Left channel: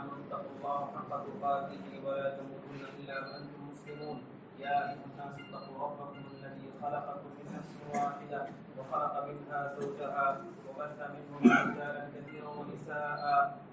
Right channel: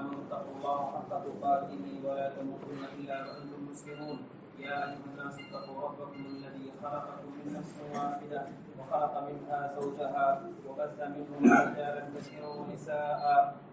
آمنوا اتقوا الله حق تقاته ولا تموتن إلا وأنتم مسلمون يا أيها الناس اتقوا ربكم الذي خلقكم من نفس واحدة وخلق منها زوجها وبث منهما رجالا كثيرا ونساء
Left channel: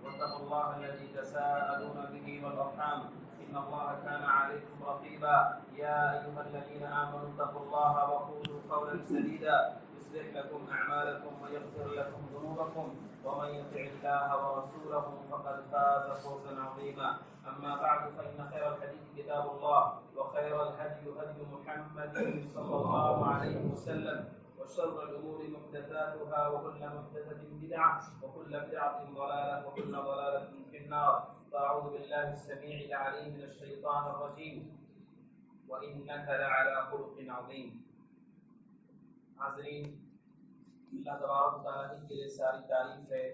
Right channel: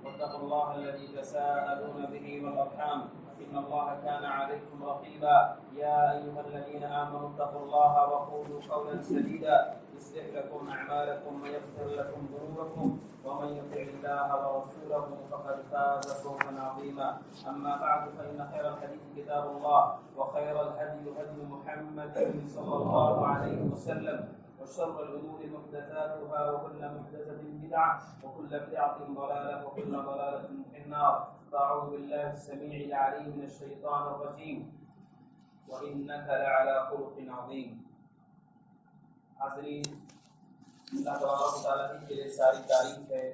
واتقوا الله الذي تساءلون به والأرحام إن الله كان عليكم رقيبا يا أيها الذين آمنوا اتقوا الله وقولوا قولا سديدا يصلح لكم أعمالكم ويغفر لكم ذنوبكم ومن يطع الله ورسوله فقد فاز فوزا عظيما أما بعد فإن خير الحديث كتاب الله وخير الهدي هدي محمد صلى الله عليه وسلم وشر الأمور محدثاتها وكل محدثة بدعة وكل بدعة ضلالة وكل ضلالة في النار فأعوذ بالله السميع العليم من الشيطان الرجيم وإنك لعلى خلق عظيم. حاضرین، اللہ تبارک و تعالیٰ کے لیے ساری تعریف ہے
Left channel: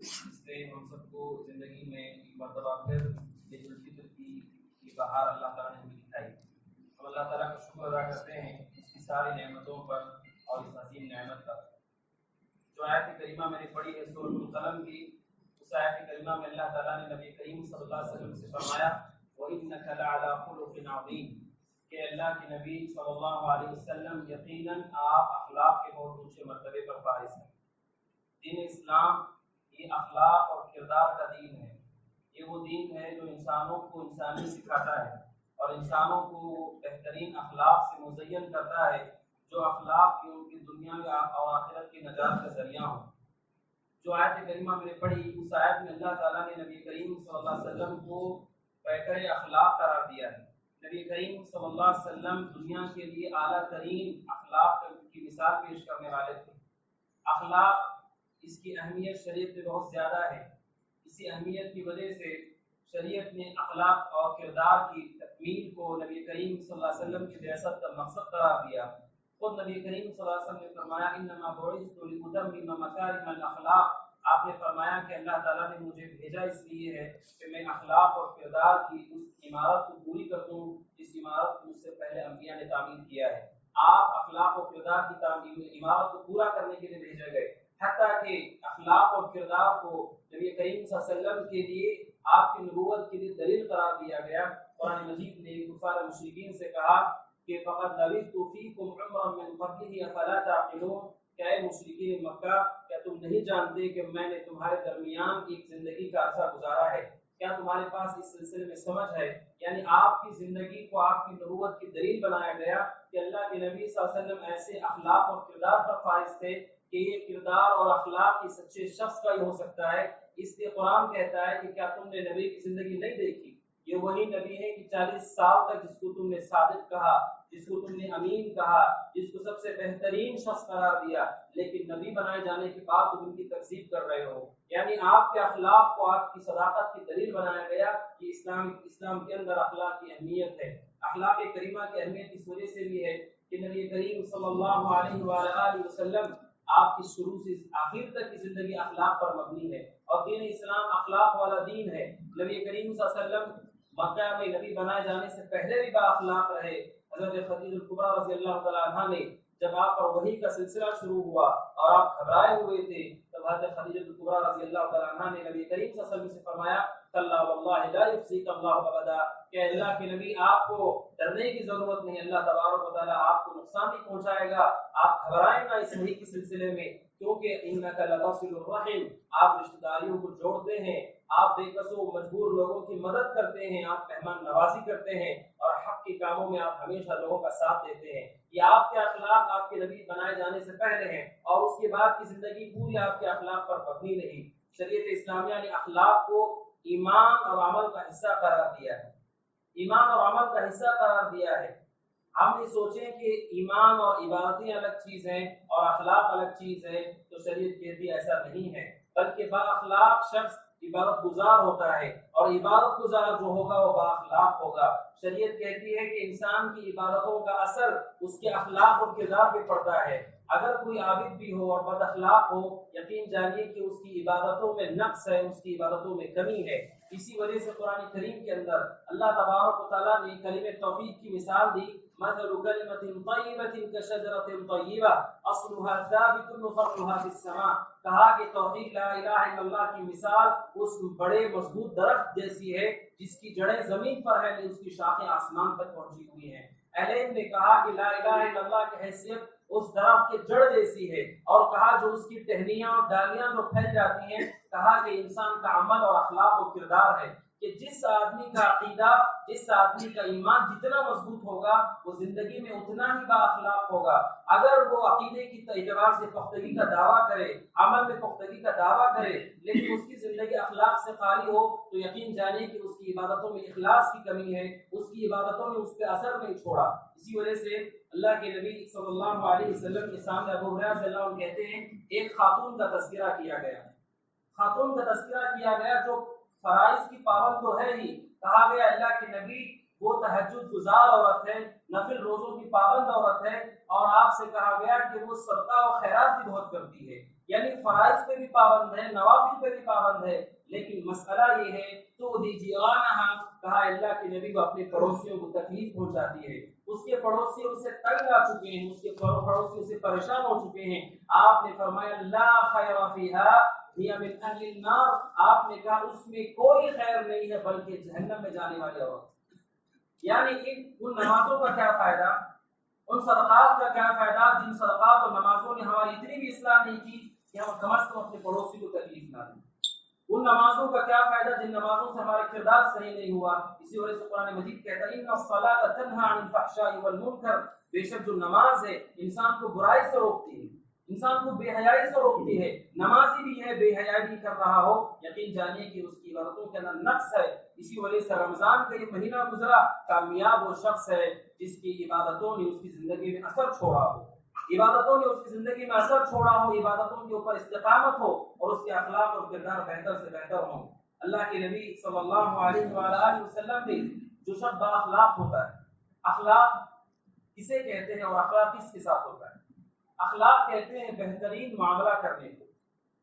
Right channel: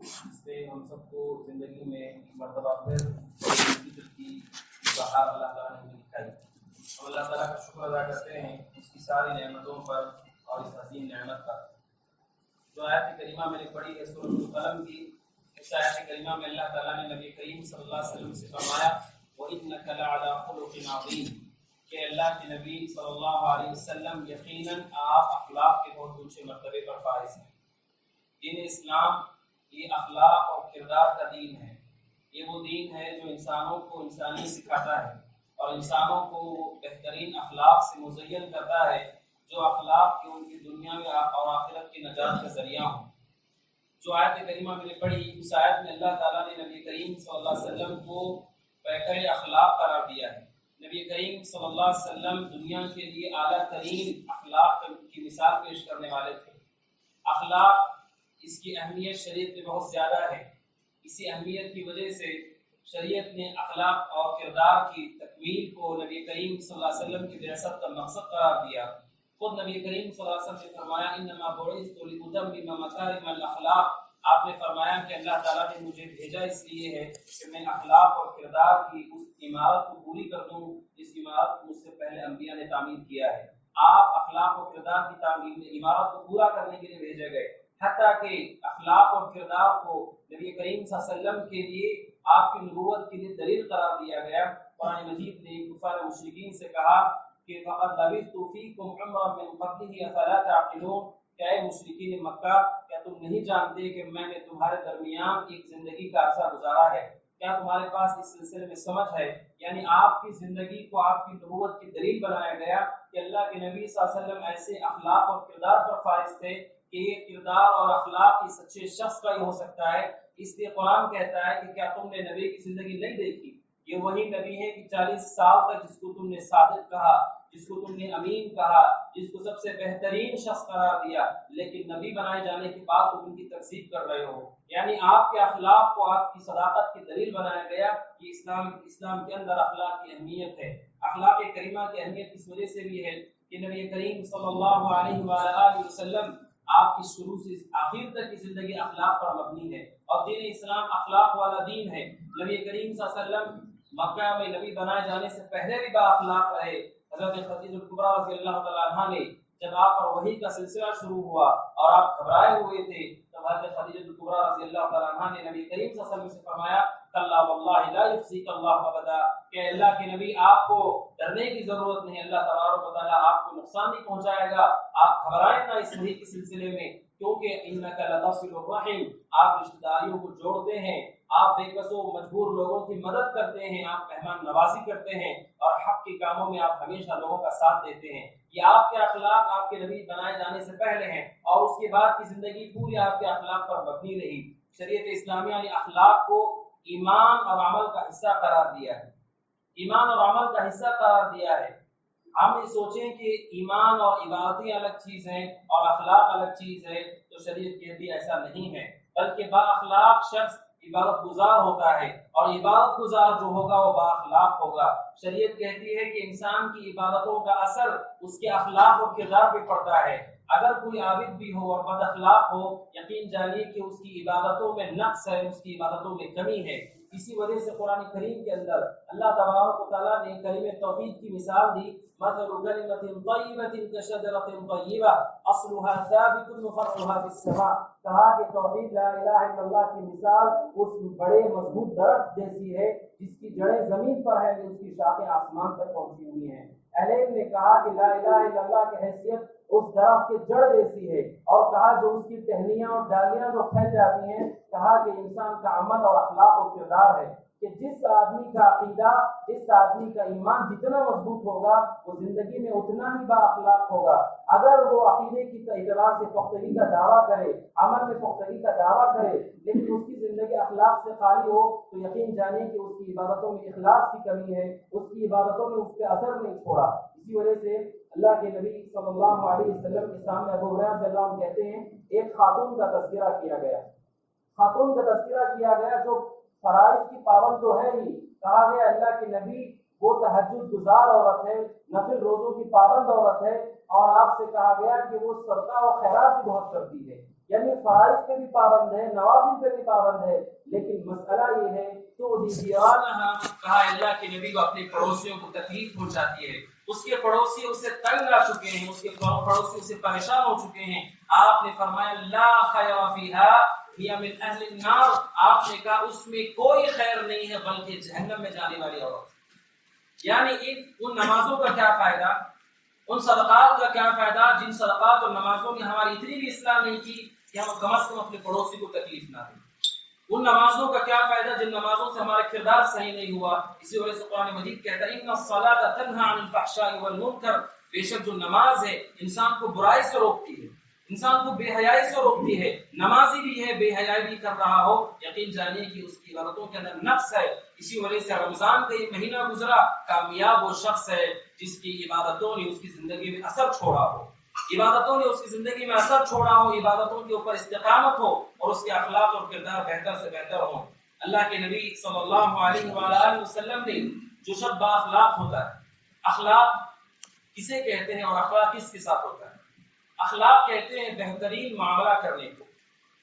جس نے ہم سب کو زندگی میں مرتبہ پھر فطر کی بہار اللہ تعالیٰ نے ہمیں دکھائی. ہم اللہ تعالیٰ کا شکر ادا کرتے ہیں اس کی ساری نعمتوں پر اور اس حسین نعمت پر. جو آیت کریمہ میں نے پڑھی ہے سورۃ القلم کی، اس آیت کریمہ میں اللہ تعالیٰ نے نبی کریم صلی اللہ علیہ وسلم سے فرمایا وَإِنَّكَ لَعَلَىٰ خُلُقٍ عَظِيمٍ کہ اللہ کے نبی صلی اللہ علیہ وسلم یقیناً آپ اخلاق کے بہت اونچے مرتبے پر فائز ہیں. دین اسلام یہ اخلاق اور کردار کا دین ہے. یہ وہ دین ہے جو انسانوں کو انسانیت سکھاتا ہے اور انسانوں کو بہترین اخلاق سے مزین کرتا ہے جو اخلاق کی ان کی دنیا میں اور آخرت کی نجات کا ذریعہ ہوں. جو آیت کریمہ میں نے پڑھی اس آیت میں اللہ تعالیٰ نے نبی کریم صلی اللہ علیہ وسلم کو بہتر اخلاق قرار دیا ہے. نبی کریم صلی اللہ علیہ وسلم دنیا کے لیے اعلیٰ ترین اخلاق کی مثال پیش کرنے والے تھے. اخلاق اس کی اہمیت شریعت میں بہت زیادہ ہے. اسی اہمیت کی وجہ سے شریعت نے اخلاق اور کردار کی تکمیل کو نبی کریم صلی اللہ علیہ وسلم کی بعثت کا مقصد قرار دیا. خود نبی کریم صلی اللہ علیہ وسلم نے فرمایا انما بعثت لاتمم مکارم الاخلاق. آپ نے فرمایا کہ اللہ تعالیٰ نے مجھے بھیجا اس لیے ہے کہ میں اخلاق اور کردار کی اس عمارت کو پوری کر دوں جس عمارت کو مجھ سے پہلے انبیاء نے تعمیر کیا ہے. آپ اخلاق اور کردار کی تعمیر عمارت کو پورا کرنے کے لیے بھیجے گئے. حتیٰ کہ اخلاق اور کردار کو نبی کریم صلی اللہ علیہ وسلم کے لیے آپ کی نبوت کے لیے دلیل قرار دیا گیا. قرآن مجید نے کفار مشرکین سے کہا کہ فقد لبثت فیکم عمرا من قبلہ افلا تعقلون. کیا اے مشرکین مکہ، کیا تم نہیں جانتے کہ میں نے تمہارے درمیان ایک زندگی کا عرصہ گزارا ہے؟ کیا تمہارے پاس اس سلسلے میں سمجھ ہے؟ یعنی آپ کی زندگی کو آپ کی نبوت کی دلیل بنایا گیا کہ اللہ کے نبی صلی اللہ علیہ وسلم ایسے اخلاق اور کردار پر فائز تھے کہ یہ کردار اور اخلاق کی سچے شخص کا ہی ہو سکتا ہے. اس لیے قرآن کہتا ہے کہ کیا تم نے نبی کی زندگی نہیں دیکھی؟ یہ وہی نبی ہے کہ 40 سال تک جس کو تم نے صادق کہا، جس کو تم نے امین کہا، جس کو سب سے بہترین شخص قرار دیا، لیکن نبی بنائے جانے کے بعد تم ان کی تکذیب کر رہے ہو. یعنی آپ کے اخلاق کو آپ کی صداقت کی دلیل بنایا گیا کہ اسلام کے اندر اخلاق کی اہمیت ہے. اخلاق کریمہ کی اہمیت اس وجہ سے بھی ہے کہ نبی کریم صلی اللہ علیہ وآلہ وسلم آپ کی شروع سے آخر تک کی زندگی اخلاق پر مبنی ہے اور دین اسلام اخلاق والا دین ہے. نبی کریم صلی اللہ علیہ وسلم مکہ میں نبی بنائے جانے سے پہلے بھی با اخلاق رہے. حضرت خدیجہ الکبریٰ رضی اللہ تعالیٰ عنہ نے جب آپ پر وحی کا سلسلہ شروع ہوا اور آپ گھبرائے ہوئے تھے تب حضرت خدیجہ الکبریٰ رضی اللہ تعالیٰ عنہ نے نبی کریم صلی اللہ علیہ وسلم سے فرمایا کلا واللہ لا یخزیک اللہ ابدا کہ اللہ کے نبی آپ کو ڈرنے کی ضرورت نہیں، اللہ تبارک و تعالیٰ آپ کو نقصان نہیں پہنچائے گا. آپ گھبرائیں نہ اس وحی کے سلسلے میں کیونکہ انک لتصل الرحم، آپ رشتہ داریوں کو جوڑتے ہیں، آپ بے کس و مجبور لوگوں کی مدد کرتے ہیں، آپ مہمان نوازی کرتے ہیں اور حق کے کاموں میں آپ ہمیشہ لوگوں کا ساتھ دیتے ہیں. یہ آپ کے اخلاق آپ کے نبی بنائے جانے سے پہلے ہیں اور اس کے بعد کی زندگی پوری آپ کے اخلاق پر مبنی رہی. شریعت اسلامیہ نے اخلاق کو ایمان اور عمل کا حصہ قرار دیا ہے. ایمان اور عمل کا حصہ قرار دیا ہے. ہم یہ سوچیں کہ ایمان اور عبادتیں الگ چیز ہیں اور اخلاق الگ چیز ہے تو شریعت کہتی ہے ایسا نہیں ہے، بلکہ با اخلاق شخص عبادت گزار ہوتا ہے اور عبادت گزار جو ہوگا وہ با اخلاق ہوگا. شریعت کہتی ہے کہ انسان کی عبادتوں کا اثر اس کے اخلاق اور کردار پہ پڑتا ہے. اگر کوئی عابد بھی ہو اور بد اخلاق ہو، یقین جانیے کہ اس کی عبادتوں میں نقص ہے، اس کی عبادتوں میں کمی ہے. اسی وجہ سے قرآن کریم کے اندر اللہ تبارک و تعالیٰ نے کلمہ توحید کی مثال دی، مثل کلمۃ طیبۃ کشجرۃ طیبہ اصلها ثابت وفرعها فی السماء، کہا کہ توحید لا الہ الا اللہ کی مثال اس بڑے مضبوط درخت جیسی ہے جس کی جڑیں زمین پر ہیں لیکن اس کی شاخیں آسمان تک پہنچی ہوئی ہیں۔ اہل علم نے کہا کہ لا الہ الا اللہ کی حیثیت اس درخت کے جڑ جیسی ہے، اور کہا جو اس کی ٹہنیاں اور ڈالیاں جو پھیل جاتی ہیں، کہا کہ انسان کا عمل اور اخلاق و کردار ہے کہ جس آدمی کا عقیدہ، جس آدمی کا ایمان جتنا مضبوط ہوگا وہ زندگی میں اتنا ہی با اخلاق ہوگا۔ اگر وہ عقیدے کی اعتبار سے پختگی کا دعویٰ کرے، عمل میں پختگی کا دعویٰ کرے، لیکن اس کی زندگی اخلاق سے خالی ہو تو یقین جانے کہ اس کی عبادتوں میں اخلاص کی کمی ہے، اس کی عبادتوں نے اس پہ اثر نہیں چھوڑا۔ اسی وجہ سے اللہ کے نبی صلی اللہ علیہ وسلم کے سامنے ابو ہریرہ رضی اللہ عنہ کہتے ہیں ایک خاتون کا تذکرہ کیا گیا، خاتون کا تذکرہ کیا گیا جو فرائض کی پابند تو ہے ہی، کہا گیا اللہ کے نبی وہ تہجد گزار عورت ہے، نفل روزوں کی پابند عورت ہے، اور آپ سے کہا گیا کہ وہ صدقہ و خیرات بھی بہت کرتی ہے، یعنی فرائض پہ بھی پابند ہے، نوافل پہ بھی پابند ہے، لیکن مسئلہ یہ ہے تو کہا اللہ کے نبی کو اپنے پڑوسیوں کو تکلیف پہنچاتی ہے، اس کے پڑوسی اس سے تنگ آ چکے ہیں، اس کے پڑوسی اس سے پریشان ہو چکے ہیں۔ آپ نے فرمایا لا خیر فیہا ہی من اہل النار، آپ نے کہا اس میں کوئی خیر نہیں ہے بلکہ جہنم میں جانے والی عورت۔ یعنی ان نمازوں کا کیا فائدہ، ان صدقات کا کیا فائدہ جن صدقات اور نمازوں نے ہماری اتنی بھی اصلاح نہیں کی کہ ہم کم از کم اپنے پڑوسی کو تکلیف نہ دیں۔ ان نمازوں کا کیا فائدہ جن نمازوں سے ہمارا کردار صحیح نہیں ہوا۔ اسی وجہ سے قرآن مجید کہتا ہے ان الصلاۃ تنہی عن الفحشاء والمنکر، بے شک جو نماز ہے انسان کو برائی سے روکتی ہے، انسان کو بے حیائی سے روکتی ہے۔ نمازی بھی ہے بے حیائی بھی کر رہا ہو، یقین جانیے کہ اس کی عبادتوں کے اندر نقص ہے۔ اسی وجہ سے رمضان کا یہ مہینہ گزرا، کامیاب وہ شخص ہے جس کی عبادتوں نے اس کی زندگی میں اثر چھوڑا ہو، عبادتوں نے اس کی زندگی میں اثر چھوڑا ہو، عبادتوں کے اوپر استقامت ہو اور اس کے اخلاق اور کردار بہتر سے بہتر ہوں۔ اللہ کے نبی صلی اللہ علیہ وآلہ وسلم نے جو شخص با اخلاق ہوتا ہے، اخلاق کسے کہتے ہیں اور اخلاق کس کے ساتھ ہوتا ہے؟ اخلاق کہتے ہیں بہترین معاملہ کرنے کو،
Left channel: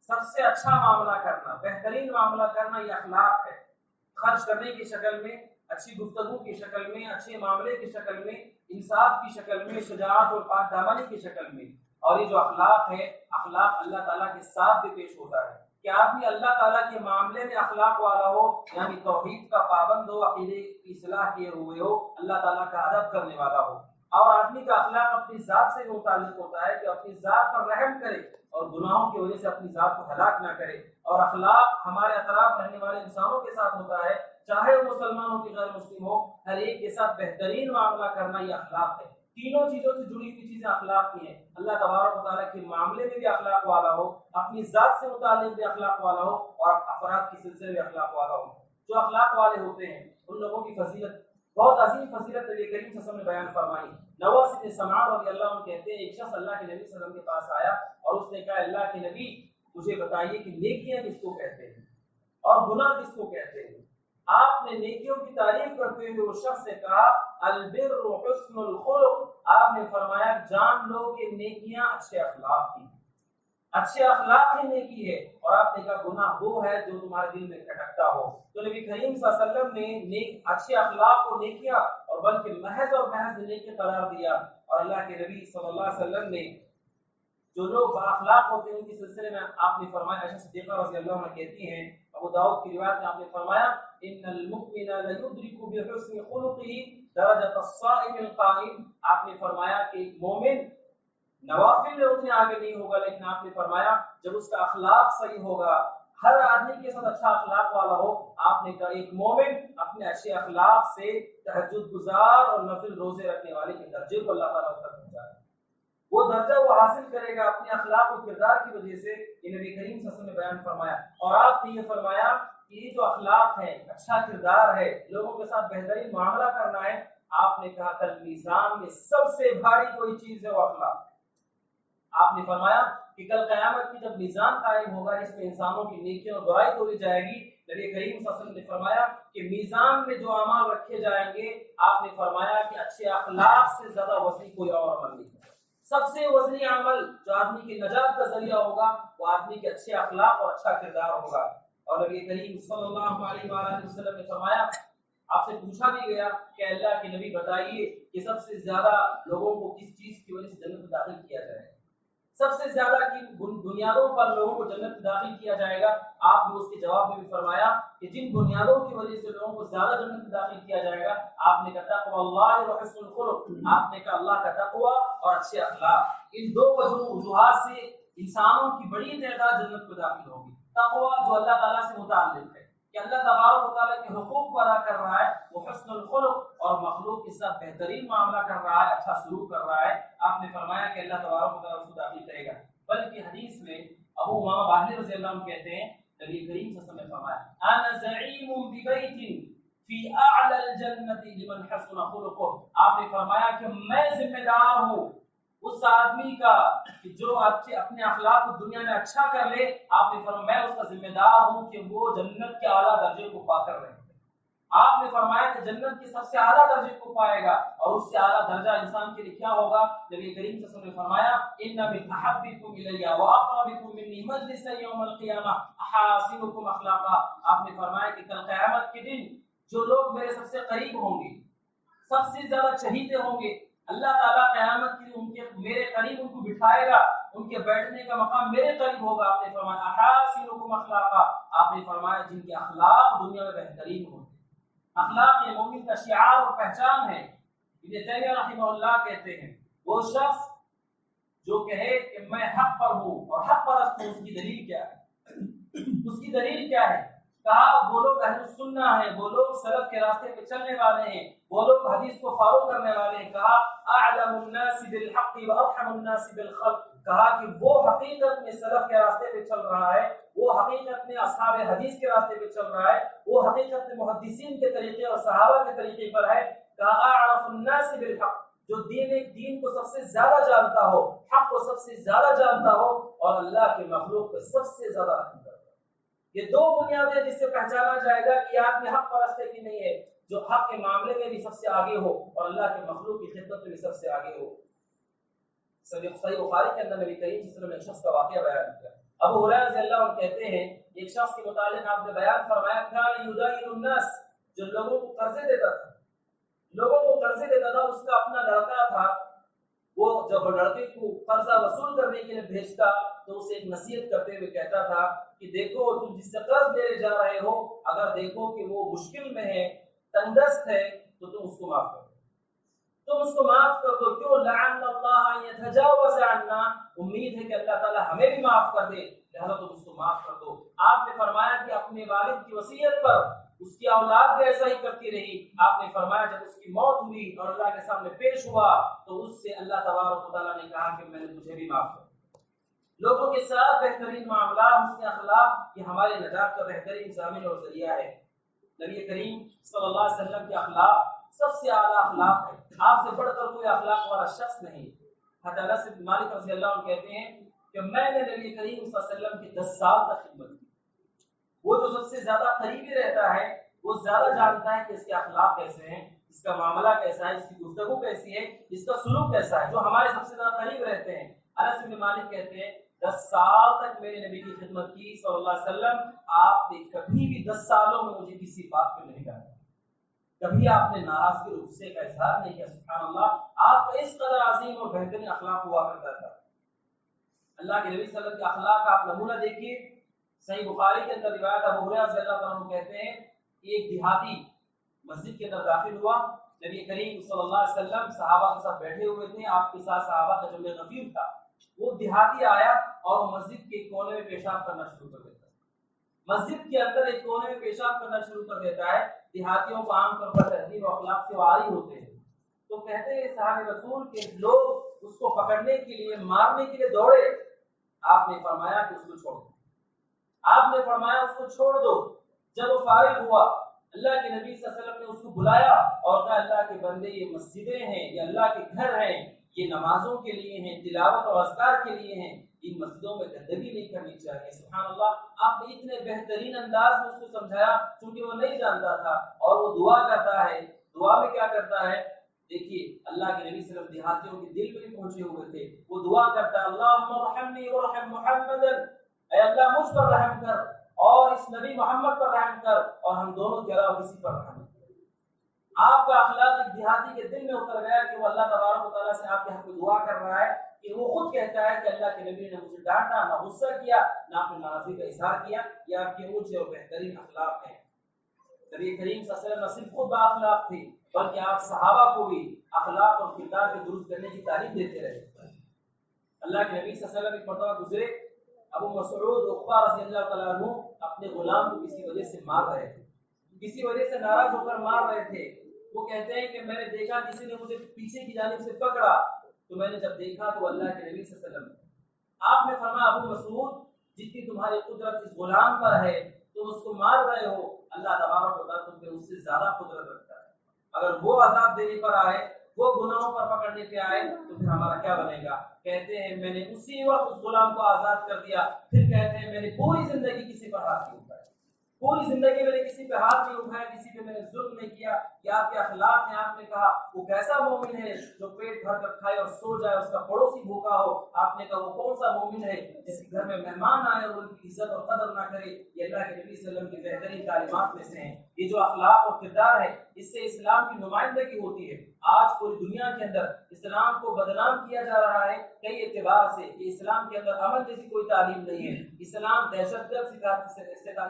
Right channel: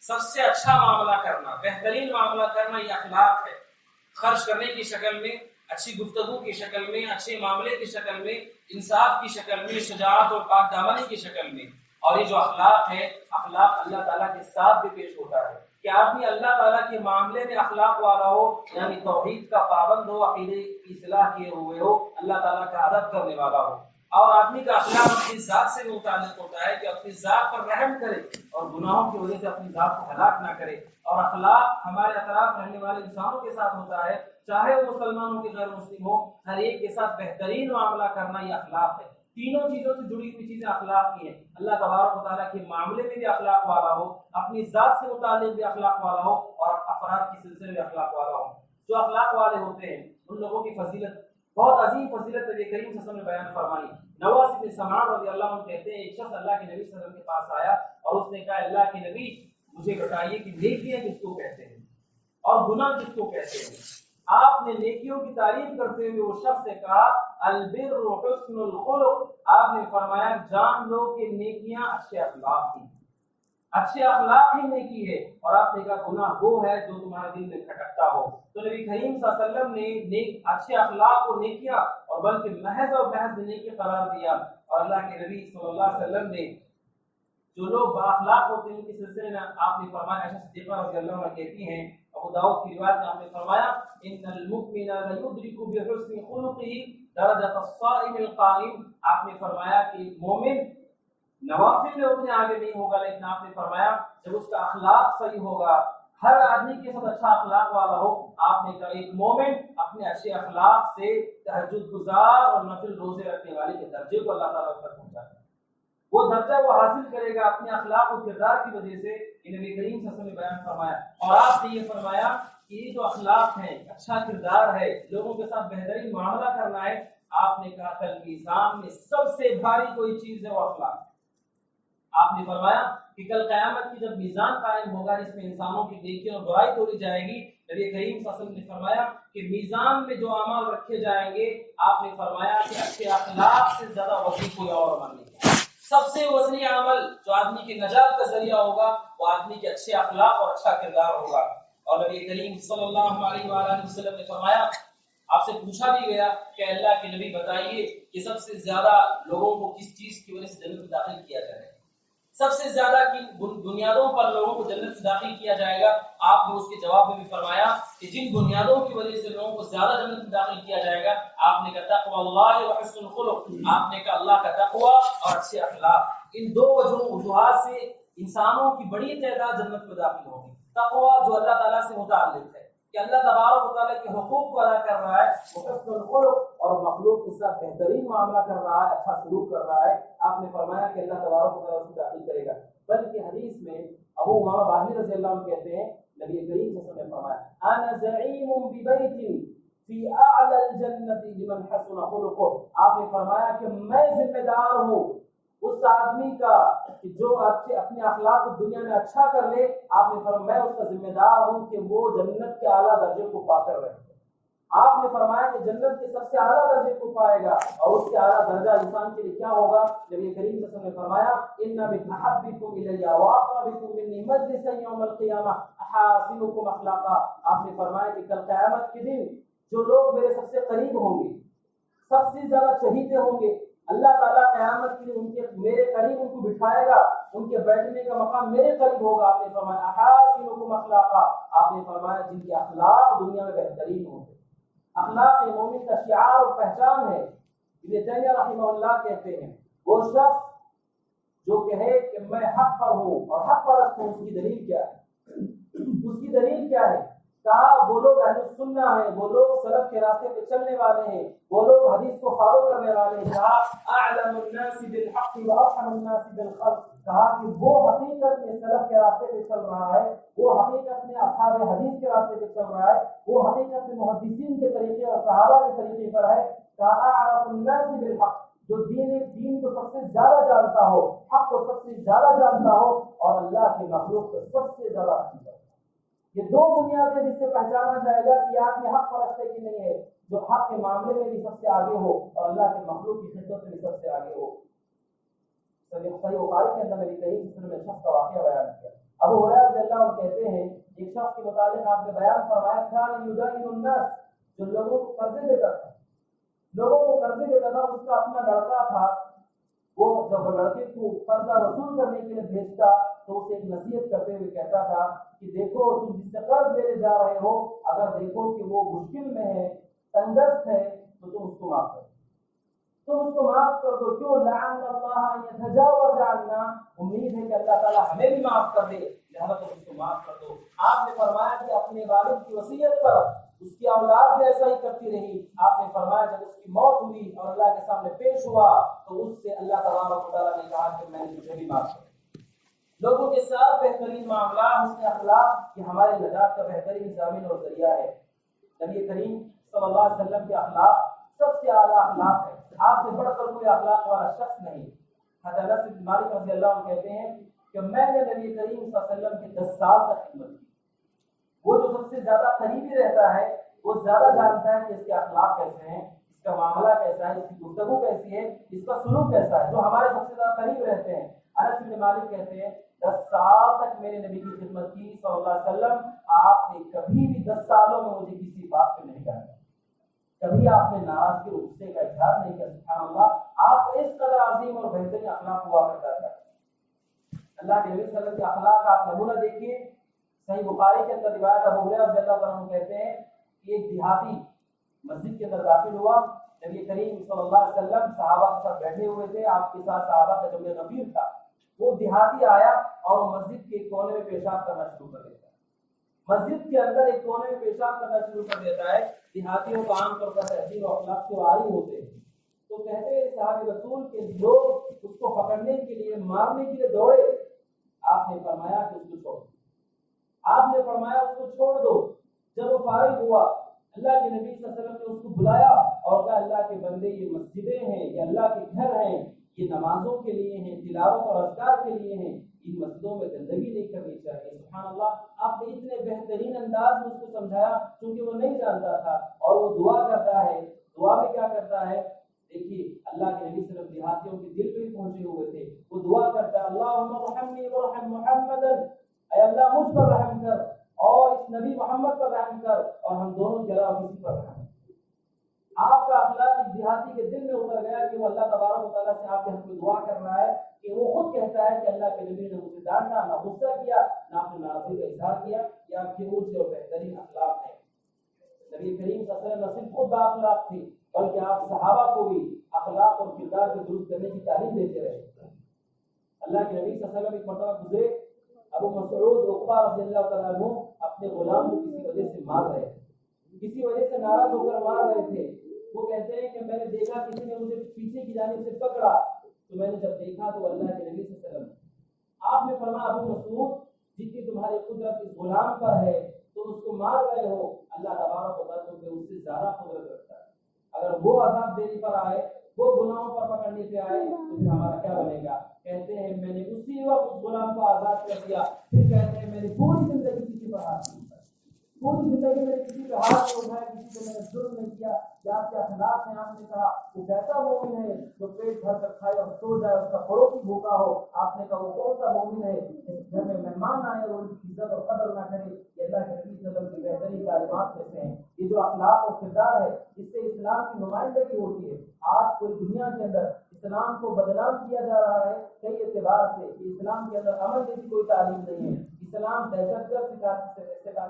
سب سے اچھا معاملہ کرنا، بہترین معاملہ کرنا یہ اخلاق ہے۔ خرچ کرنے کی شکل میں، اچھی گفتگو کی شکل میں، اچھے معاملے کی شکل میں، انصاف کی شکل میں، شجاعت اور پاک دامنی کی شکل میں۔ اور یہ جو اخلاق ہے، اخلاق اللہ تعالیٰ کے ساتھ بھی پیش ہوتا ہے کہ آدمی اللہ تعالیٰ کے معاملے میں اخلاق والا ہو، یعنی توحید کا پابند ہو، عقیدے کی اصلاح کیے ہوئے ہو، اللہ تعالیٰ کا ادب کرنے والا ہو۔ اور آدمی کا اخلاق اپنی ذات سے متعلق ہوتا ہے کہ اپنی ذات پر رحم کرے اور گناہوں کی وجہ سے اپنی ذات کو ہلاک نہ کرے۔ اور اخلاق ہمارے اطراف رہنے والے انسانوں کے ساتھ ہوتا ہے، چاہے وہ مسلمانوں کے غیر مسلم ہو، ہر ایک کے ساتھ بہترین معاملہ کرنا یہ اخلاق ہے۔ تینوں چیزوں سے جڑی ہوئی چیزیں اخلاق کی ہیں۔ اللہ تبارک و تعالیٰ کے معاملے میں بھی اخلاق والا ہو، اپنی ذات سے متعلق بھی اخلاق والا ہو، اور افراد کے سلسلے میں اخلاق والا ہو۔ جو اخلاق والے ہوتے ہیں ان لوگوں کی فضیلت، بہت عظیم فضیلت نبی کریم صلی اللہ علیہ وسلم نے بیان فرمائی۔ نواس بن سمعان رضی اللہ عنہ کہتے ہیں ایک شخص اللہ کے نبی صلی اللہ علیہ وسلم کے پاس آیا اور اس نے کہا اللہ کے نبی مجھے بتائیے کہ نیکیاں کس کو کہتے ہیں اور گناہ کس کو کہتے ہیں۔ آپ نے نیکیوں کی تعریف کرتے ہوئے اس شخص سے کہا البر حسن الخلق، آپ نے فرمایا جان لو کہ نیکیاں اچھے اخلاق ہیں، اچھے اخلاق ہی نیکی ہے۔ اور آپ نے کہا گناہ وہ ہے جو تمہارے دل میں کھٹکتا ہو۔ تو نبی کریم صلی اللہ علیہ وسلم نے اچھے اخلاق کو نیکیاں اور بلکہ محض اور محض نیکی قرار دیا۔ اور اللہ کے نبی صلی اللہ علیہ وسلم نے جو لوگ با اخلاق ہوتے ہیں ان کے سلسلے میں آپ نے فرمایا، عائشہ صدیقہ رضی اللہ عنہا کہتی ہیں، ابو داؤد کی روایت میں آپ نے فرمایا ان المؤمن لیدرک بحسن خلقه درجۃ الصائم القائم، آپ نے فرمایا کہ مومن نوافل میں اتنے آگے نہیں ہوگا، لیکن آپ نے فرمایا جب اس کا اخلاق صحیح ہوگا، ہر آدمی کے ساتھ اچھا اخلاق والا ہو، آپ نے کہا ایک مومن اپنے اچھے اخلاق سے تہجد گزار اور نفل روزے رکھنے والے کے درجے کو اللہ تعالیٰ تک پہنچا ہے۔ وہ درجہ وہ حاصل کرے گا اپنے اخلاق و کردار کی وجہ سے، یہ نبی کریم صلی اللہ علیہ وسلم نے بیان فرمایا۔ اور آپ نے یہ فرمایا کہ یہ جو اخلاق ہیں، اچھا کردار ہے، لوگوں کے ساتھ بہترین معاملہ کرنا ہے، آپ نے کہا کل میزان میں سب سے بھاری کوئی چیز ہے وہ اخلاق۔ آپ نے فرمایا کہ کل قیامت کی جب میزان قائم ہوگا جس میں انسانوں کی نیکیاں اور برائی تولی جائے گی، نبی کریم صلی اللہ علیہ وسلم نے فرمایا کہ میزان میں جو اعمال رکھے جائیں گے، آپ نے فرمایا کہ اچھے اخلاق سے زیادہ وزنی کوئی اور عمل نہیں ہے۔ سب سے وزنی عمل جو آدمی کی نجات کا ذریعہ ہوگا وہ آدمی کے اچھے اخلاق اور اچھا کردار ہوگا۔ اور نبی کریم صلی اللہ علیہ وآلہ وسلم نے فرمایا، آپ سے پوچھا بھی گیا کہ اللہ کے نبی بتائیے کہ سب سے زیادہ لوگوں کو کس چیز کی وجہ سے جنت میں داخل کیا جائے، سب سے زیادہ کن بنیادوں پر لوگوں کو جنت میں داخل کیا جائے گا؟ آپ نے اس کے جواب میں بھی فرمایا کہ جن بنیادوں کی وجہ سے لوگوں کو زیادہ جنت میں داخل کیا جائے گا، آپ نے کہا تقوی اللہ و حسن الخلق، آپ نے کہا اللہ کا تقوی اور اچھے اخلاق۔ ان دو وجوہات سے انسانوں کی بڑی تعداد جنت میں داخل ہوگی۔ تقوی جو اللہ تعالیٰ سے متعلق ہے کہ اللہ تبارک و تعالیٰ کے حقوق کو ادا کر رہا ہے، وہ حسن الخلق اور مخلوق کے ساتھ بہترین معاملہ کر رہا ہے، اچھا سلوک کر رہا ہے۔ آپ نے فرمایا کہ اللہ تبارک و تعالیٰ اس کو داخل کرے گا۔ بلکہ حدیث میں ابو امامہ باہلی رضی اللہ عنہ کہتے ہیں، نبی کریم صلی اللہ علیہ وسلم نے فرمایا انا زعیم ببیت فی اعلی الجنۃ لمن حسن خلقہ، آپ نے فرمایا کہ میں ذمہ دار ہوں اس آدمی کا کہ جو اپنے اخلاق کو دنیا میں اچھا کر لے۔ آپ نے فرمایا میں اس کا ذمہ دار ہوں کہ وہ جنت کے اعلیٰ درجے کو پا کر رہے۔ آپ نے فرمایا کہ جنت کے سب سے اعلیٰ درجے کو پائے گا، اور اس سے اعلیٰ درجہ انسان کے لیے کیا ہوگا؟ نبی کریم صلی اللہ علیہ وسلم نے فرمایا ان من احبکم الی واقربکم منی مجلسا یوم القیامہ احاسنکم اخلاقا، آپ نے فرمایا کہ کل قیامت کے دن جو لوگ میرے سب سے قریب ہوں گے، سب سے زیادہ چہیتے ہوں گے، اللہ تعالیٰ قیامت کے دن میرے قریب ان کو بٹھائے گا، ان کے بیٹھنے کا مقام میرے قریب ہوگا۔ آپ نے فرمایا احاسنکم اخلاقا، آپ نے فرمایا جن کے اخلاق دنیا میں بہترین ہوں۔ اخلاق مومن کا شعار اور پہچان ہے۔ ابن تیمیہ رحمہ اللہ کہتے ہیں وہ شخص جو کہے کہ میں حق پر ہوں اور حق پرست ہوں، اس کی دلیل کیا ہے؟ اس کی دلیل کیا ہے؟ کہا وہ لوگ اہل السنہ ہیں، وہ لوگ سلف کے راستے پہ چلنے والے ہیں، وہ لوگ حدیث کو فالو کرنے والے ہیں۔ کہا اعلم الناس بالحق وارحم الناس بالخلق، کہا کہ وہ حقیقت میں سلف کے راستے پہ چل رہا ہے، وہ حقیقت میں اصحاب حدیث کے راستے پہ چل رہا ہے، وہ حقیقت میں محدثین کے طریقے اور صحابہ کے طریقے پر ہے۔ کہا اعرف الناس بالحق، جو دین کو سب سے زیادہ جانتا ہو، حق کو سب سے زیادہ جانتا ہو، اور اللہ کے مخلوق پہ سب سے زیادہ رحم کرتا ہو۔ یہ دو بنیادیں جس سے پہچانا جائے گا کہ آدمی حق پرست ہے کہ نہیں ہے، جو حق کے معاملے میں بھی سب سے آگے ہو اور اللہ کے مخلوق کی خدمت میں بھی سب سے آگے ہو۔ صحیح بخاری کے اندر نبی کریم صلی اللہ علیہ وسلم نے ایک شخص کا واقعہ بیان کیا۔ ابو ہریرہ رضی اللہ عنہ کہتے ہیں ایک شخص کے متعلق آپ نے بیان فرمایا کان یدین الناس، جو لوگوں کو قرضے دیتا تھا، اس کا اپنا لڑکا تھا، وہ جب لڑکے کو قرضہ وصول کرنے کے لیے بھیجتا تو اسے ایک نصیحت کرتے ہوئے کہتا تھا کہ دیکھو تم جس سے قرض لینے جا رہے ہو، اگر دیکھو کہ وہ مشکل میں ہے، تنگدست ہے، تو تم اس کو معاف کر دو، کیوں؟ لعن اللہ ان یتجاوز عنا، امید ہے کہ اللہ تعالی ہمیں بھی معاف کر دے، لہذا تم اس کو معاف کر دو۔ آپ نے فرمایا کہ اپنے والد کی وصیت پر اس کی اولاد بھی ایسا ہی کرتی رہی۔ آپ نے فرمایا جب اس کی موت ہوئی اور اللہ کے سامنے پیش ہوا تو اس سے اللہ تبارک و تعالیٰ نے کہا کہ میں نے تجھے بھی معاف کر دیا۔ لوگوں کے ساتھ بہترین معاملات، حسن اخلاق، یہ ہمارے نجات کا بہترین ضامن اور ذریعہ ہے۔ نبی کریم صلی اللہ علیہ وسلم کے اخلاق سب سے اعلیٰ اخلاق ہے، آپ سے بڑھ کر کوئی اخلاق والا شخص نہیں۔ حضرت انس بن مالک رضی اللہ عنہ کہتے ہیں کہ میں نے نبی کریم صلی اللہ علیہ وسلم کی 10 سال تک خدمت کی۔ وہ جو سب سے زیادہ قریبی رہتا ہے وہ زیادہ جانتا ہے کہ اس کے اخلاق کیسے ہیں، اس کا معاملہ کیسا ہے، اس کی گفتگو کیسی ہے، اس کا سلوک کیسا ہے، جو ہمارے سب سے زیادہ قریب رہتے ہیں۔ انس بن مالک کہتے ہیں 10 سال تک میں نے نبی کی خدمت کی صلی اللہ علیہ وسلم، آپ نے کبھی بھی 10 سالوں میں مجھے کسی بات پہ نہیں کہا، کبھی آپ نے ناراضگی اور غصے کا اظہار نہیں کیا۔ سبحان اللہ، آپ کا اس قدر عظیم اور بہترین اخلاق ہوا کرتا تھا۔ اللہ کے نبی صلی اللہ علیہ وسلم کے اخلاق کا آپ نمونہ دیکھیے۔ صحیح بخاری کے اندر روایت ابو ہریرہ رضی اللہ عنہ کہتے ہیں کہ ایک دیہاتی مسجد کے اندر داخل ہوا، نبی کریم صلی اللہ علیہ وسلم صحابہ کے ساتھ بیٹھے ہوئے تھے، آپ کے ساتھ صحابہ کا جمع غفیر تھا۔ وہ دیہاتی آیا اور مسجد کے ایک کونے میں پیشاب کرنا شروع کر دیتا ہے، مسجد کے اندر ایک کونے میں پیشاب کرنا شروع کر دیتا ہے۔ دیہاتیوں کو عام طور پر تہذیب و اخلاق سے واری ہوتے ہیں، تو کہتے ہیں صحابہ رسول کے لوگ اس کو پکڑنے کے لیے، مارنے کے لیے دوڑے۔ آپ نے فرمایا کہ اس کو چھوڑ دو، آپ نے فرمایا اس کو چھوڑ دو۔ جب وہ فارغ ہوا، اللہ کے نبی صلی اللہ علیہ وسلم نے اس کو بلایا اور کہا اللہ کے بندے یہ مسجدیں ہیں، یہ اللہ کے گھر ہیں، یہ نمازوں کے لیے ہیں، تلاوت اور اذکار کے لیے ہیں، ان مسجدوں میں گندگی نہیں کرنی چاہیے۔ سبحان اللہ، آپ نے اتنے بہترین انداز میں اس کو سمجھایا کیونکہ وہ نہیں جانتا تھا، اور وہ دعا کرتا ہے۔ دعا میں کیا کرتا ہے؟ دیکھیے اللہ کے نبی صلی اللہ علیہ وسلم دیہاتیوں کے دل پہ پہنچے ہوئے تھے، وہ دعا کرتا ہے اللہم ارحمنی وارحم محمدا، اے اللہ مجھ پر رحم کر اور اس نبی محمد پر رحم کر اور ہم دونوں کے علاوہ کسی پر رحم کر۔ آپ کا اخلاق ایک دیہاتی کے دل میں اتر گیا کہ وہ اللہ تبارک و تعالیٰ سے آپ کے حق میں دعا کر رہا ہے کہ وہ خود کہتا ہے کہ اللہ کے نبی نے مجھے ڈانٹا، نہ غصہ کیا، نہ اپنی ناراضگی کا اظہار کیا۔ یہ آپ کے اونچے اور بہترین اخلاق ہیں۔ نبی کریم صلی اللہ علیہ وسلم نہ صرف خود با اخلاق تھے بلکہ آپ صحابہ کو بھی اخلاق اور کردار کے درست کرنے کی تعلیم دیتے رہے۔ اللہ کے نبی صلی اللہ علیہ وسلم ایک مرتبہ گزرے، ابو مسعود عقبہ رضی اللہ تعالیٰ عنہ اپنے غلام کو کسی وجہ سے مار رہے تھے، کسی وجہ سے ناراض ہو کر مار رہے تھے۔ وہ کہتے ہیں کہ میں نے دیکھا کسی نے مجھے پیچھے کی جانب سے پکڑا، تو میں نے جب دیکھا تو اللہ کے نبی صلی اللہ علیہ وسلم، آپ نے فرمایا ابو مسعود جتنی تمہاری قدرت اس غلام پر ہے تم اس کو مار رہے ہو، اللہ تبارک و تعالیٰ تم پہ اس سے زیادہ قدرت رکھتا ہے۔ اگر وہ عذاب دینے پر آئے، وہ گناہوں پر پکڑنے پہ آئے تو پھر ہمارا کیا بنے گا؟ کہتے ہیں میں نے اسی وقت اس غلام کو آزاد کر دیا۔ پھر کہتے ہیں میں نے پوری زندگی کسی پر ہاتھ نہیں اٹھایا، پوری زندگی میں نے کسی پہ ہاتھ نہیں اٹھایا، کسی پہ میں نے ظلم نہیں کیا۔ یہ آپ کے اخلاق ہیں۔ آپ نے کہا وہ کیسا مومن ہے جو پیٹ بھر کر کھائے اور سو جائے، اس کا پڑوسی بھوکا ہو۔ آپ نے کہا وہ کون سا مومن ہے جس کے گھر میں مہمان آئے اور ان کی عزت اور قدر نہ کرے۔ یہ اللہ کے نبی صلی اللہ علیہ وسلم کی بہترین تعلیمات میں سے ہیں۔ یہ جو اخلاق اور کردار ہے اس سے اسلام کی نمائندگی ہوتی ہے۔ آج پوری دنیا کے اندر اسلام کو بدنام کیا جا رہا ہے کئی اعتبار سے کہ اسلام کے اندر امن جیسی کوئی تعلیم نہیں ہے، اسلام دہشت گرد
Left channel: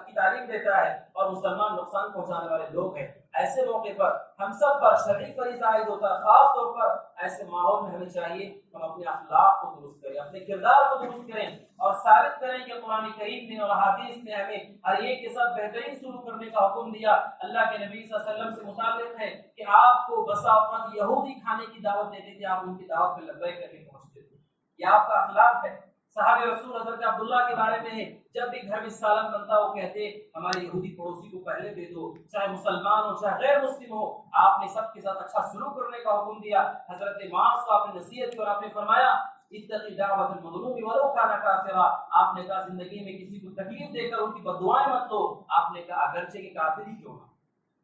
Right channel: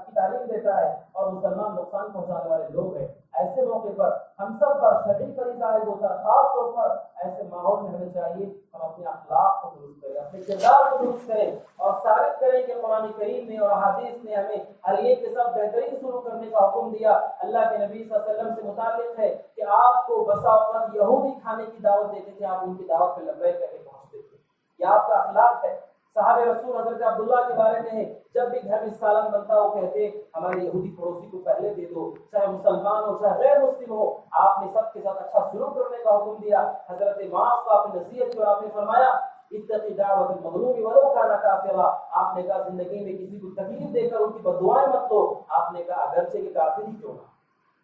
کی تعلیم دیتا ہے اور مسلمان نقصان پہنچانے والے لوگ ہیں۔ ایسے موقع پر ہم سب پر شرعی فریضہ عائد ہوتا ہے، خاص طور پر ایسے ماحول میں ہمیں چاہیے ہم اپنے اخلاق کو درست کریں، اپنے کردار کو درست کریں اور ثابت کریں کہ قرآن کریم نے اور احادیث نے ہمیں ہر ایک کے ساتھ بہترین سلوک کرنے کا حکم دیا۔ اللہ کے نبی صلی اللہ علیہ وسلم سے متعلق ہے کہ آپ کو بسا اوقات یہودی کھانے کی دعوت دیتے تھے، آپ ان کی دعوت پہ لبیک کر کے پہنچتے تھے۔ یہ آپ کا اخلاق ہے۔ صحابہ رسول حضرت عبداللہ کے بارے میں ہے، جب بھی گھر میں سالن بنتا وہ کہتے ہمارے یہودی پڑوسی کو پہلے دے دو، چاہے مسلمان ہو چاہے غیر مسلم ہو۔ آپ نے سب کے ساتھ اچھا سلوک کرنے کا حکم دیا۔ حضرت معاذ کو آپ نے نصیحت کی اور آپ نے فرمایا اتقی دعوت المظلوم ولو کان کافرا۔ آپ نے کہا زندگی میں کسی کو تکلیف دے کر ان کی بددعائیں مت لو۔ آپ نے کہا اگرچہ کہ کافر ہی کیوں نہ،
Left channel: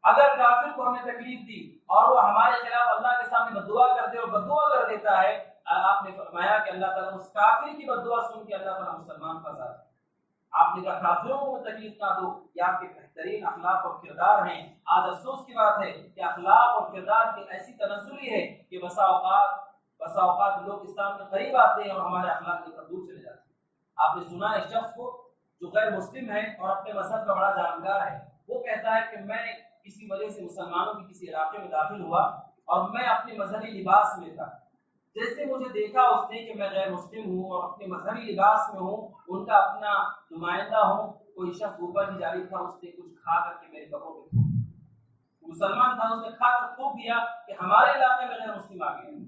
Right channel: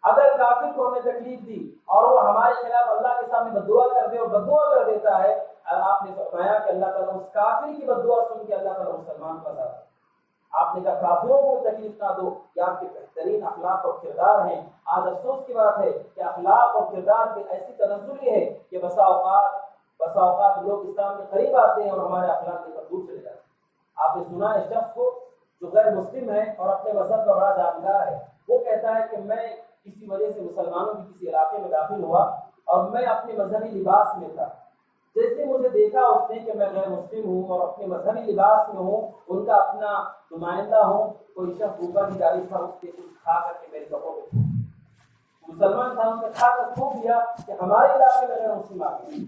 اگر کافر کو ہم نے تکلیف دی اور وہ ہمارے خلاف اللہ کے سامنے بددعا کر دے اور بددعا کر دیتا ہے، آپ نے فرمایا کہ اللہ تعالیٰ اس کافر کی بددعا سن کے اللہ تعالیٰ مسلمان کا ساتھ۔ آپ نے کہا کافروں کو تکلیف نہ دو۔ یہ آپ کے بہترین اخلاق اور کردار ہیں۔ آج افسوس کی بات ہے کہ اخلاق اور کردار کی ایسی تنزلی ہے کہ بسا اوقات لوگ اسلام کے قریب آتے ہیں اور ہمارے اخلاق کے دور چلے جاتے ہیں۔ آپ نے سنا ہے شخص کو جو غیر مسلم ہے اور اپنے مذہب کا بڑا جانکار ہے، وہ کہتا ہے کہ میں کسی وجہ سے مسلمانوں کے کسی علاقے میں داخل ہوا اور میں اپنے مذہبی لباس میں تھا، جیسے مجھے دیکھا اس نے کہ میں غیر مسلم ہوں اور اپنے مذہبی لباس میں ہوں، ان کا اپنا نمائندہ ہوں، کوئی شخص اوپر کی جانب تھا، اس نے کچھ کھا کر کے میرے کپڑوں پہ تھوک، مسلمان تھا اس نے کھا کر تھوک دیا کہ ہمارے علاقے میں غیر مسلم آ گئے۔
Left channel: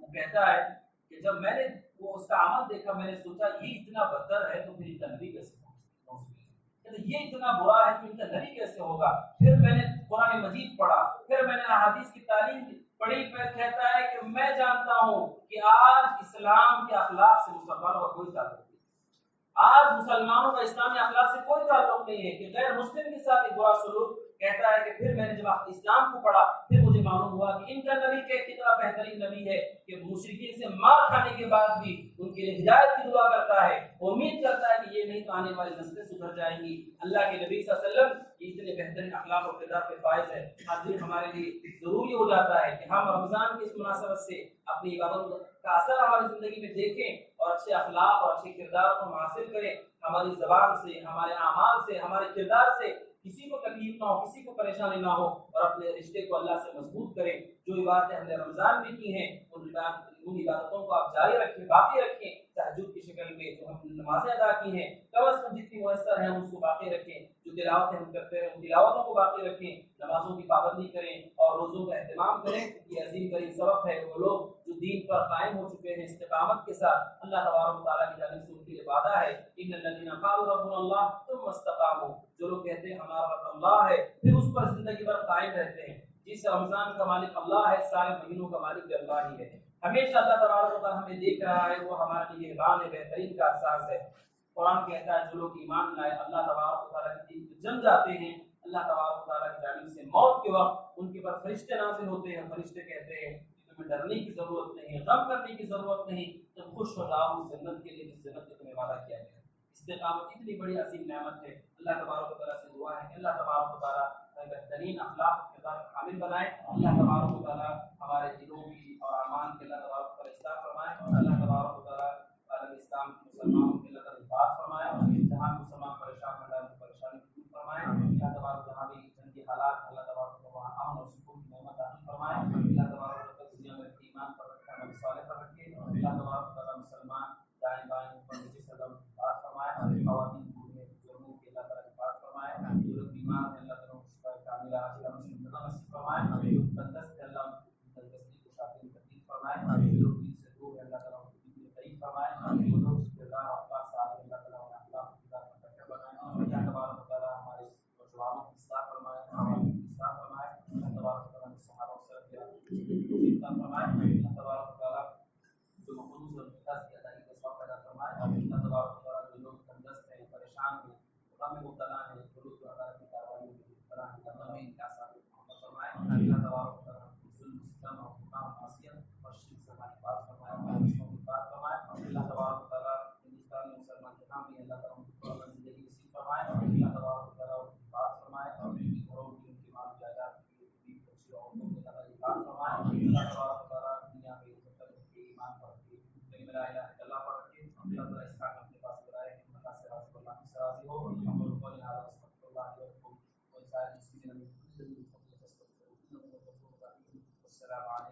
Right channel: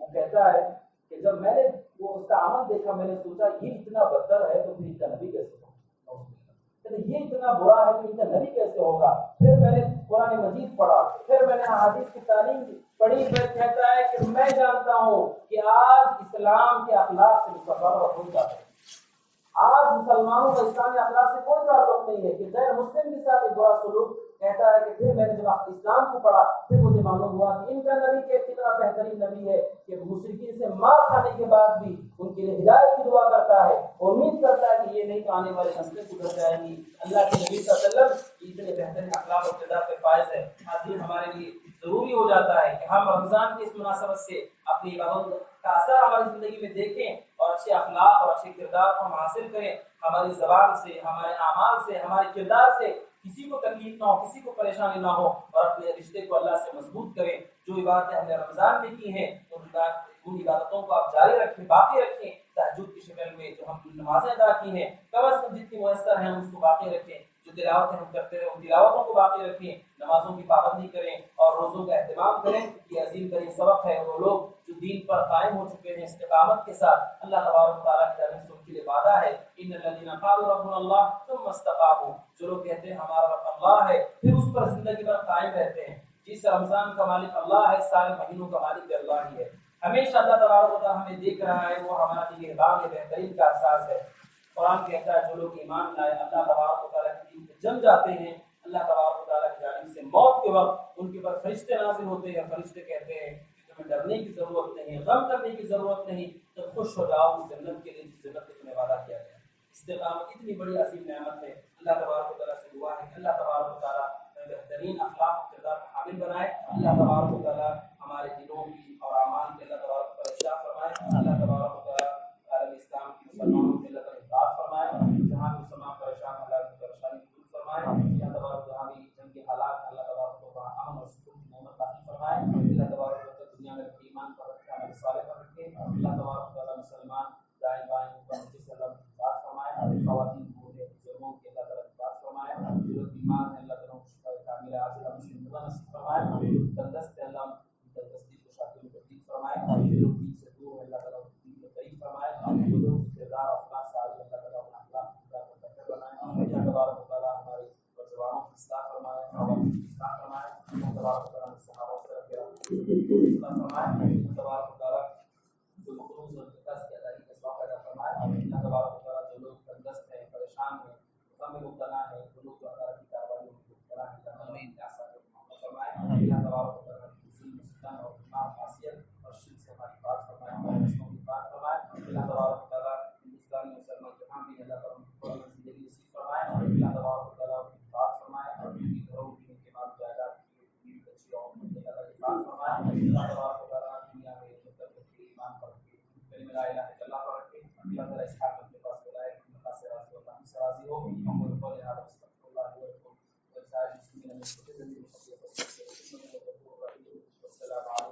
وہ کہتا ہے کہ جب میں نے وہ اس کا عمل دیکھا میں نے سوچا یہ اتنا بدتر ہے تو پھر ان کا نبی کیسے ہوگا، یہ اتنا برا ہے تو ان کا نبی کیسے ہوگا۔ پھر میں نے قرآن مجید پڑھا، پھر میں نے احادیث کی تعلیم پڑھی، پھر کہتا ہے کہ میں جانتا ہوں کہ آج اسلام کے اخلاق سے مسلمانوں کا کوئی تعلق نہیں، آج مسلمانوں کا اسلامی اخلاق سے کوئی تعلق نہیں ہے کہ غیر مسلم کے ساتھ ایک برا سلوک۔ کہتا ہے کہ پھر میں نے جب اسلام کو پڑھا پھر مجھے معلوم ہوا کہ ان کا نبی کتنا بہترین نبی ہے کہ مشرکین سے مار کھانے کے بعد بھی ان کے لیے ہدایت کی دعا کرتا ہے، امید کرتا ہے کہ یہ نہیں تو آنے والی نسلیں سدھر جائیں گی۔ اللہ کے نبی صلی اللہ علیہ وسلم اتنے بہترین اخلاق اور کردار پہ فائز ہے۔ آج ہمارے لیے ضروری ہو جاتا ہے کہ ہم رمضان کی اس مناسبت سے اپنی عبادت کا اثر ہماری زندگی میں دیکھیں اور اچھے اخلاق اور اچھے کردار کو ہم حاصل کریں، ہماری زبان سے، ہمارے اعمال سے، ہمارے کردار سے کسی کو تکلیف نہ ہو، کسی کو پریشانی نہ ہو اور اپنے رشتے کو اللہ سے مضبوط کریں۔ جو عبادتیں ہم نے رمضان میں کی ہیں ان عبادتوں کو آپ جاری رکھیں، باقی رکھیں۔ تہجد کی شکل میں جو ہم نمازیں ادا کی ہیں کم از کم جتنی میسر ہیں اس کو باقی رکھیں، جو تلاوتیں ہم کرتے ہیں ان تلاوتوں کو باقی رکھیں، نمازوں کی پابندی کریں اور روزوں کا اہتمام کریں۔ یہ عظیم ترین سبق ہے۔ وہ لوگ جو دین پر قائم ہو چکے ہیں استقامت کے ساتھ، اللہ تبارک و تعالیٰ کی جانب سے ان کے لیے وعدہ ہے ان الذین قالوا ربنا اللہ ثم استقاموا، جو لوگ کہتے ہیں ہمارا رب اللہ ہے پھر اس پر زندگی بھر قائم رہتے ہیں۔ جس رمضان کا مالک اللہ ہے سارے مہینوں کا مالک بھی اللہ ہی ہے۔ ہمیشہ اللہ تبارک و تعالیٰ ہمیں دیکھ رہا ہے، وہ ہمارا نگہبان ہے، بہترین کا احساس ہے۔ قرآن کہتا ہے جو لوگ ایمان لائے اللہ تبارک و تعالیٰ کے دین پہ جم جاتے ہیں، اللہ تبارک و تعالیٰ کی جانب سے موت کے وقت ان کے پر فرشتے نازل ہوتے ہیں، فرشتے کہتے ہیں کہ تمہیں ڈرنے کی ضرورت نہیں، غم کرنے کی ضرورت نہیں، تم خوش ہو جاؤ اس جنت کے لیے جس جنت میں تمہیں وعدہ کیا گیا۔ استقامت اتنی بڑی عظیم نعمت ہے۔ اللہ تبارک و تعالیٰ سے دعا ہے کہ اللہ تبارک و تعالیٰ بہترین اخلاق کردار کا حامل بنائے. اللہ تبارک و تعالیٰ ہمارے دلوں کی اور اعمال کے اللہ تبارک و تعالیٰ اصلاح فرمائے. اللہ تبارک و تعالیٰ عالم اسلام کی مسلمانوں کے اللہ تعالیٰ حفاظت فرمائے. جہاں بھی مسلمان پریشان اللہ کی پریشانی دور فرمائے. اللہ تبارک جہاں بھی جنگ کے حالات اللہ تبارک کو وہاں امن اور سکون کی نعمت عطا فرمائے. اللہ تبارک و تعالیٰ دنیا میں ایمان پر رکھے, عمل صالح پر رکھے. اللہ تبارک و تعالیٰ مسلمان دائیں بائیں اوپر نیچے سے اللہ حفاظت فرمائے. خواتین بوڑھے بزرگوں کی اللہ تعالیٰ حفاظت فرمائے. جو لوگ بیمار ہیں اللہ تعالیٰ شفا کاملہ عاجلہ مشکل نصیب فرمائے. جو تندرست ہیں اللہ تندرستی کو شافی تبدیل فرمائے. جو لوگ دین سے دور ہیں اللہ تعالیٰ دین کو قریب فرمائے. جو لوگ کردار اخلاق صالح اللہ تعالیٰ انہیں اخلاق کردار کو بہتر بنائے. اللہ تبارک و تعالیٰ ہماری زبانوں کی اصلاح فرمائے, خواتین کی اصلاح فرمائے. اللہ تبارک و تعالیٰ نے صحابہ سے رکھے اصلاح فرمائے. اللہ تبارک و تعالیٰ جو مقروض اور قرض کی ادائیگی کا ثواب پیدا فرمائے. اللہ تبارک و تعالیٰ جو لوگ تندرست ہیں, پریشان ہیں, غم میں مبتلا ہیں, جو لوگ جو عدالت کی کارروائیوں میں مبتلا ہیں, اللہ تعالیٰ کے آسان کو محفوظ فرمائے. اللہ تبارک و تعالیٰ ظلم, ستم اور گناہ, معصیت اور شرک سے ہماری حفاظت فرمائے, ہمارے رشتوں کی حفاظت فرمائے. اللہ تبارک و تعالیٰ ہندوستان میں مسلمان جہاں بھی اللہ تعالیٰ ان کو زندگی نصیب فرمائے. اللہ تبارک و تعالیٰ ان کی حفاظت فرمائے. ان کی گھروں کی, ان کے مال جائیداد کی, بیوی بچی عورتوں کی اللہ حفاظت فرمائے. اللہ تبارک و تعالیٰ دنیا میں مطلب رکھے, ایمان پر رکھے, کلمہ لا الہ الا اللہ پر رکھے. اللہ تعالیٰ اس حال میں اپنے پاس بلائے, اللہ سے راضی ہو, اللہ ہم سے راضی ہو. ہم کو قول هذا استغفر الله لي ولكم ولسائر المسلمين من كل ذنب وخطيئة. والسلام عليكم.